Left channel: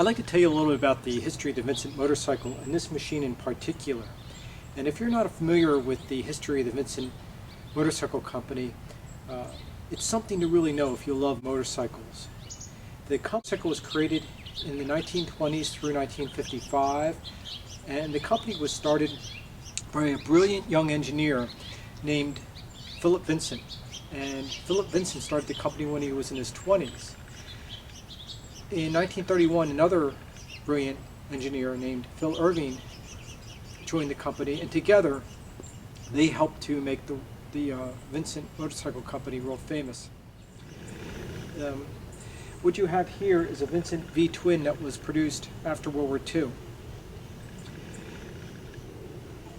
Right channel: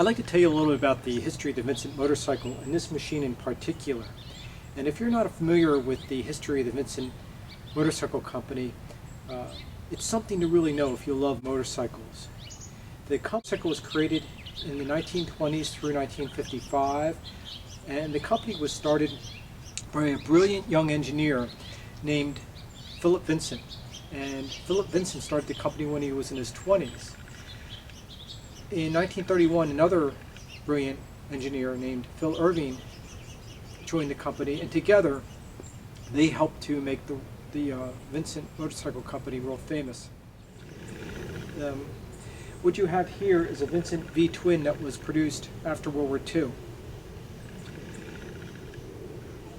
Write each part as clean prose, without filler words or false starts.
I'd like to tell you a little bit about the history of the Vincent motorcycle and this machine in particular. And if you're not familiar with the history of the Vincent Motorcycle Company, it's something to really know if you love motorcycles. The motorcycle was created in the 1920s through 1955, and the company was started by a brilliant young engineer named Philip Vincent. And Philip Vincent started the company when he was in his 20s. In 1931, another brilliant engineer named Phil Irving joined the company, and together they helped to make the Vincent Motorcycle Company world famous. What you have here is a Vincent V twin that was produced after World War II.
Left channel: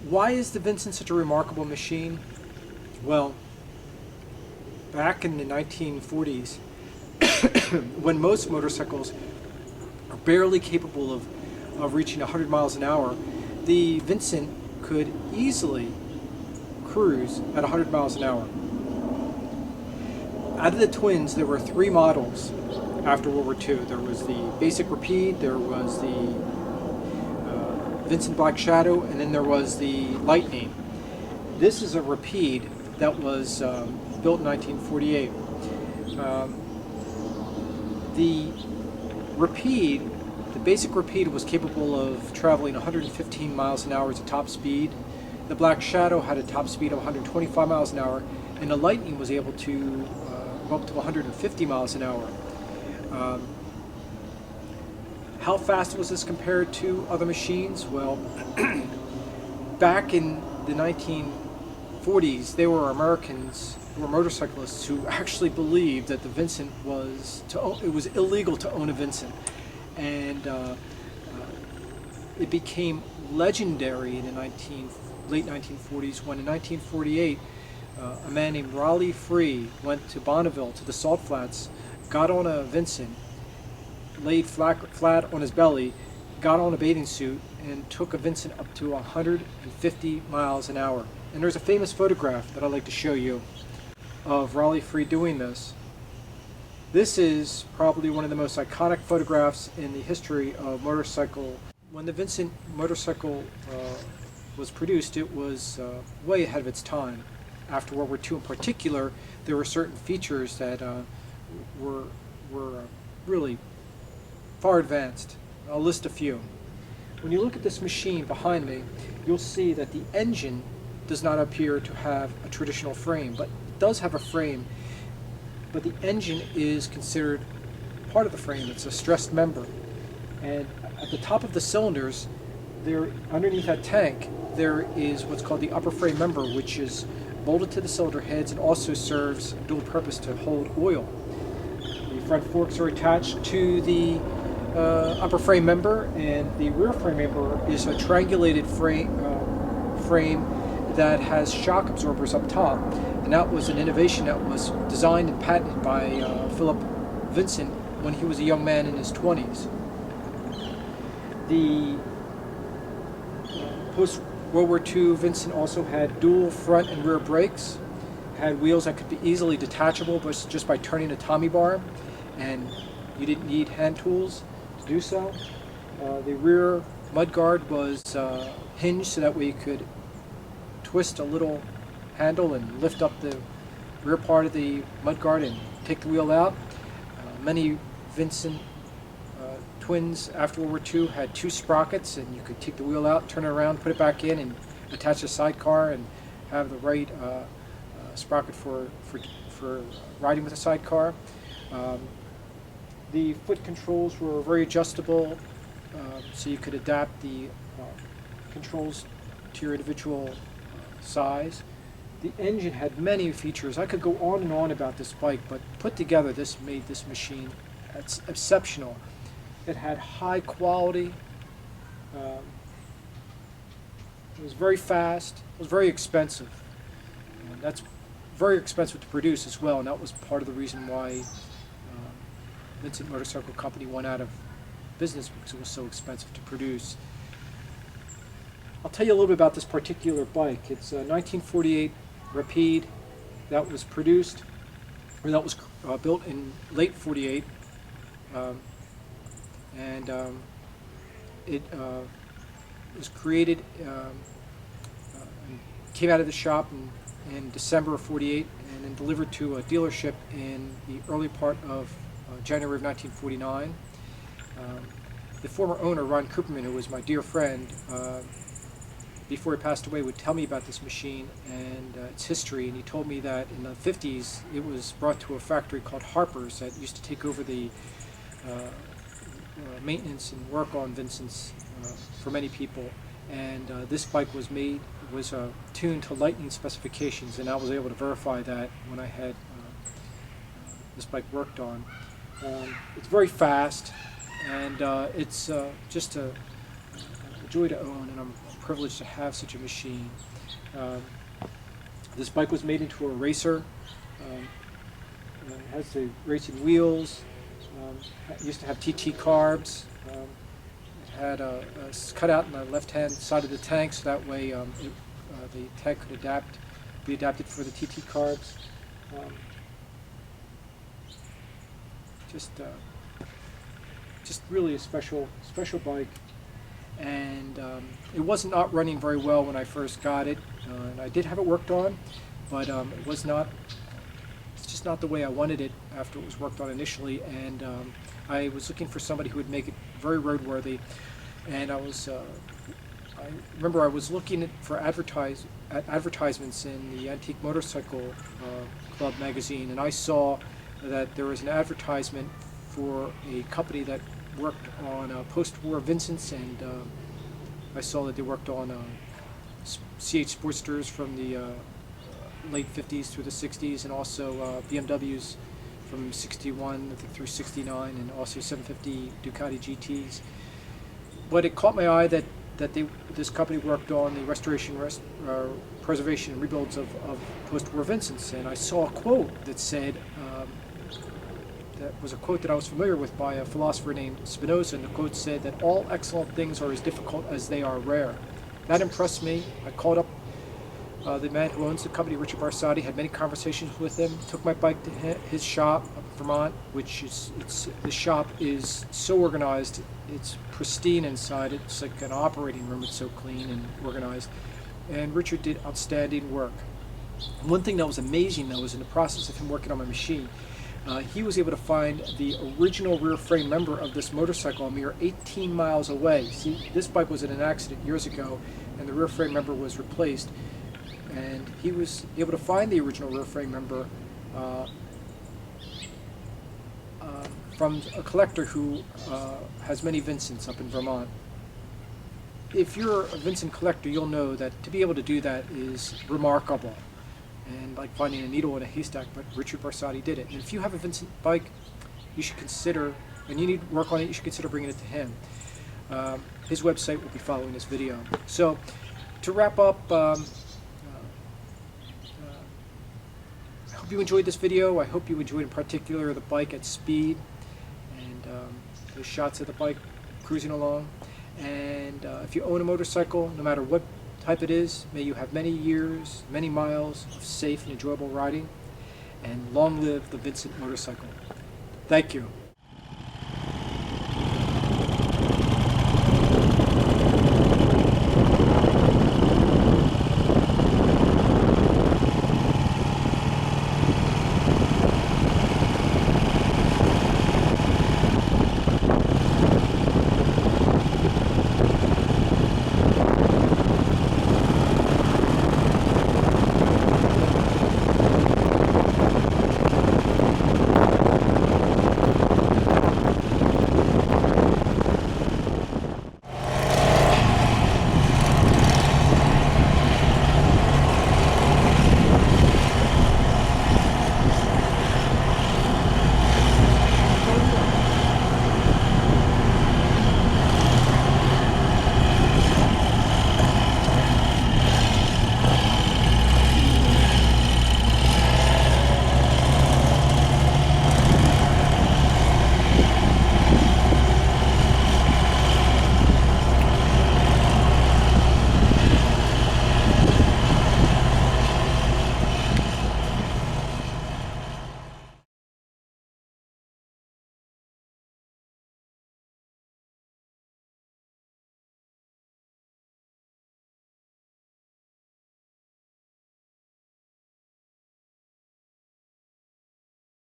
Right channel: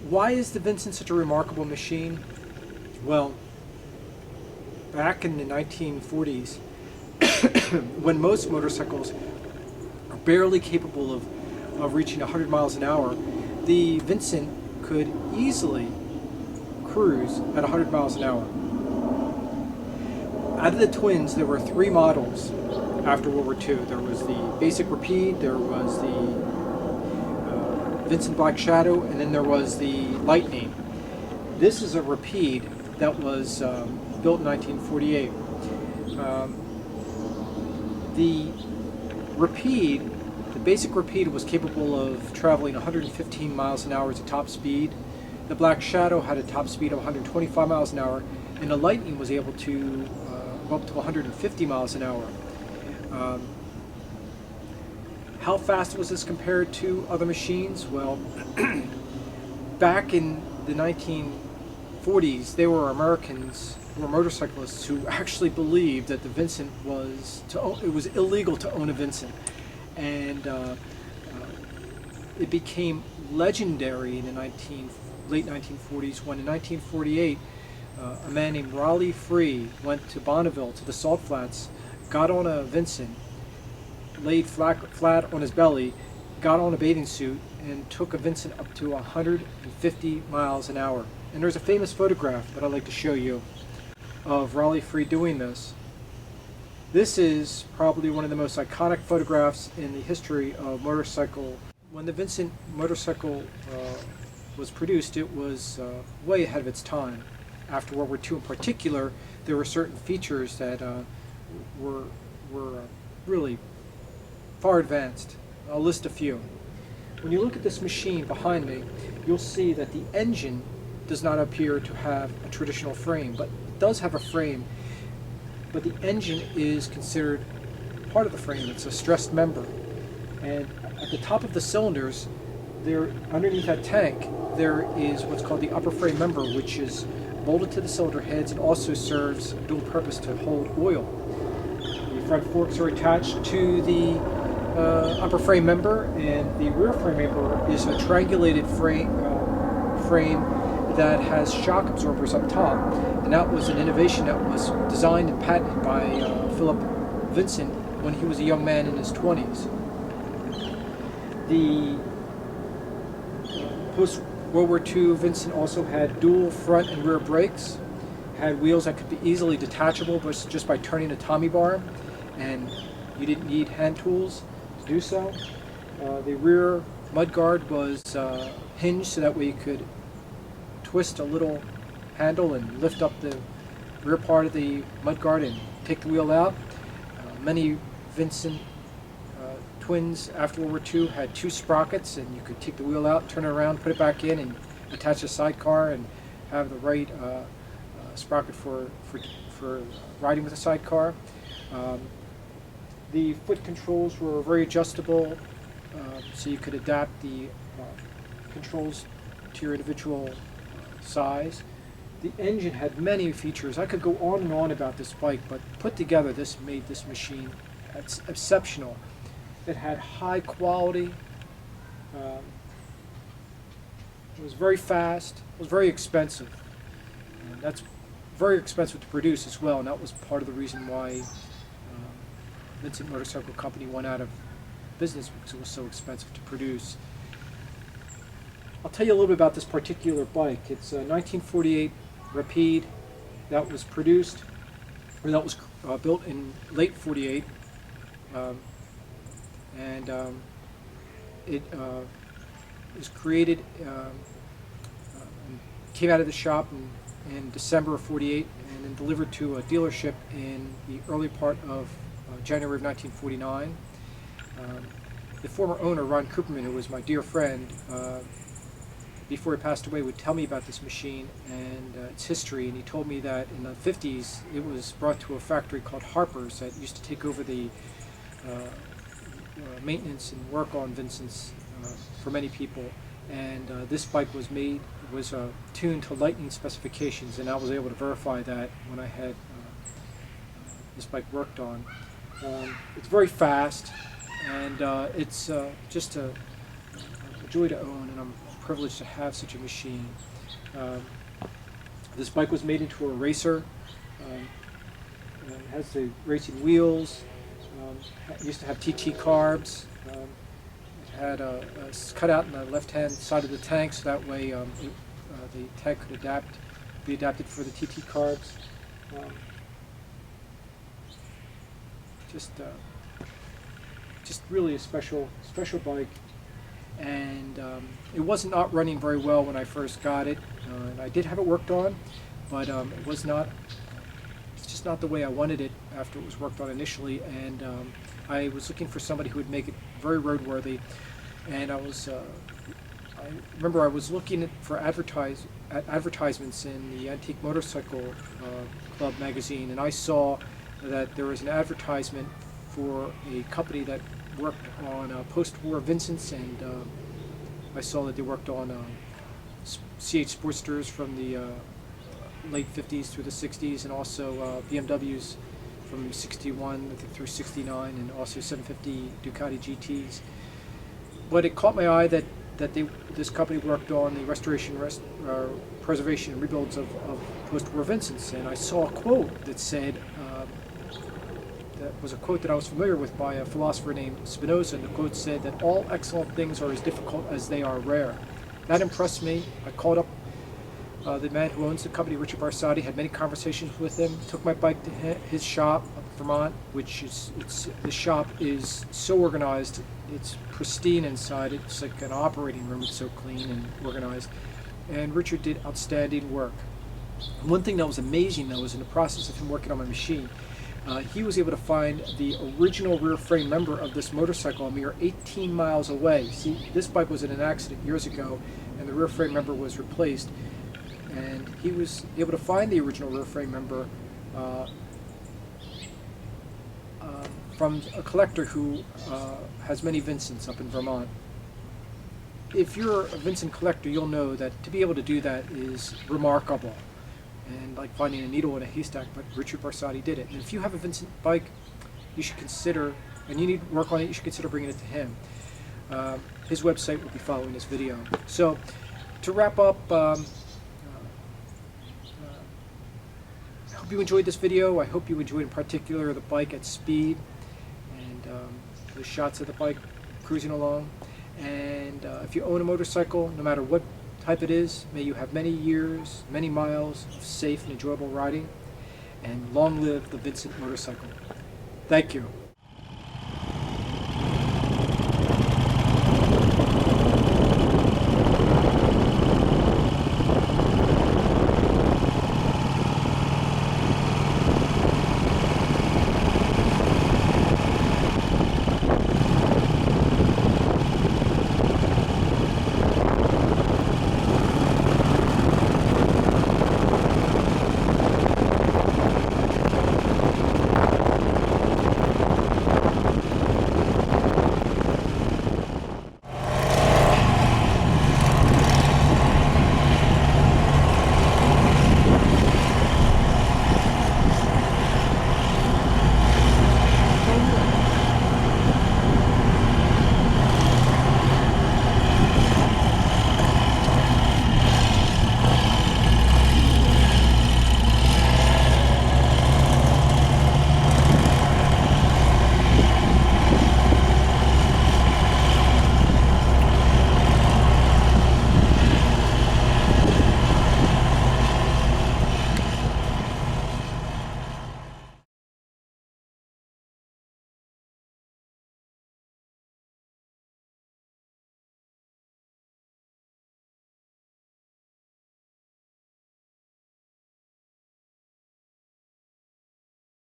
Why is the Vincent such a remarkable machine? Well, back in the 1940s, when most motorcycles are barely capable of reaching 100 miles an hour, the Vincent could easily cruise at 100 miles an hour. Out of the twins, there were three models after World War II. There was the Basic Rapide, there was the Vincent Black Shadow, and then there was the Lightning. This is a Rapide that was built in 1948. The Rapide, the Basic Rapide, was capable of traveling 115 miles an hour as a top speed. The Black Shadow had a top speed of 125 miles an hour, and the Lightning was able to go up to 150 miles an hour. How fast was this compared to other machines? Well, back in the 1940s, there were Americans who were motorcyclists who actually believed that the Vincent it was illegal to own a Vincent, and it became legendary in the late 1940s when in 1948 a man named Raleigh Free went to Bonneville to the Salt Flats, got on a Vincent, laid flat on his belly, got on a bathing suit, and took a Vincent up to 150 miles an hour. And there's a famous photograph that I'd like to show you of Raleigh Free doing this. This is probably one of the most iconic photographs in the history of motorcycle. When the Vincent motorcycle was produced, it was way ahead of its time. After World War II in particular, there were certain features that were really far advanced. I'll list a few. When you look at this machine behind me, you'll see that the engine does not appear to have a traditional frame, but it does have a frame, but the engine is considered part of the frame. It's a stressed member. And at the top of the cylinders, underneath that tank, there is what's called the upper frame member, which is bolted to the cylinder heads and also serves dual purpose to hold oil. The front forks are attached to the upper frame member, and the rear frame member is a triangulated frame that has shock absorbers up top, and that was an innovation that was designed and patented by Philip Vincent when he was a young man in his 20s. The post-World War II Vincent also had dual front and rear brakes, had wheels that could be easily detachable just by turning a Tommy bar, and you didn't need hand tools to do so. The rear mudguard was hinged so that way you could twist a little handle and lift up the rear part of the mudguard and take the wheel out. Many Vincent twins after World War II had two sprockets, and you could take the wheel out, turn it around, put it back in, and attach a sidecar and have the right sprocket for riding with a sidecar. The foot controls were very adjustable, so you could adapt the controls to your individual size. The engine had many features. I could go on and on about this bike, but put together, this made this machine exceptional. It had high quality. It was very fast. It was very expensive. And that's very expensive to produce as well, and that was part of the reason why Vincent Motorcycle Company went out of business, because it was so expensive to produce. I'll tell you a little bit about this particular bike. It's a 1948 Rapide that was produced, or that was built in late 48. and it was created, and came out of the shop in December of '48, and then delivered to a dealership in the early part of January of 1949. The former owner, Ron Cooperman, who was my dear friend, before he passed away, would tell me about this machine and its history. And he told me that in the 50s it was brought to a factory called Harper's that used to take over the maintenance and work on Vincent's for many people. And this bike was tuned to lightning specifications, and I was able to verify that when I had this bike worked on. It's very fast, and it's just a joy to own, and I'm privileged to have such a machine. This bike was made into a racer. It has the racing wheels. It used to have TT carbs. It had a cutout on the left-hand side of the tank, so that way the tank could be adapted for the TT carbs. Just really a special bike, and it was not running very well when I first got it, and I did have it worked on, but it was not. It's just not the way I wanted it after it was worked on initially, and I was looking for somebody who would make it very roadworthy, and I remember I was looking for advertisements in the Antique Motorcycle Club magazine, and I saw that there was an advertisement for a company that worked on post-war Vincents, and I saw that they worked on CH Sportsters from the late 50s through the 60s, and also BMWs from 61 I think through 69, and also 750 Ducati GTs. But it caught my eye that this company worked on the restoration, preservation, and rebuilds of post-war Vincents, and I saw a quote that said, that was a quote that I was familiar with by a philosopher named Spinoza, and the quote said that all excellent things are as difficult as they are rare. That impressed me. I called up the man who owns the company, Richard Barsati, had many conversations with him, took my bike to his shop up in Vermont, the shop is so organized, it's pristine inside, it's like an operating room, it's so clean and organized, and Richard did outstanding work. One thing that was amazing, though, was in the process of him working on my machine, he was able to find the original rear frame member of this motorcycle a mere 18 miles away. See, this bike was in an accident years ago, and the rear frame member was replaced, and he was able to find the original rear frame member from a collector who has many Vincents up in Vermont. If you're a Vincent collector, you'll know that to be able to do that is remarkable, and like finding a needle in a haystack, but Richard Barsati did it. And if you have a Vincent bike, you should consider, and you need work on it, you should consider bringing it to him. His website will be following this video. So, to wrap up, I hope you enjoyed this video. I hope you enjoyed in particular the bike at speed, and the shots of the bike cruising along. And if you own a motorcycle, no matter what type it is, may you have many years, many miles of safe and enjoyable riding, and long live the Vincent motorcycle. Thank you.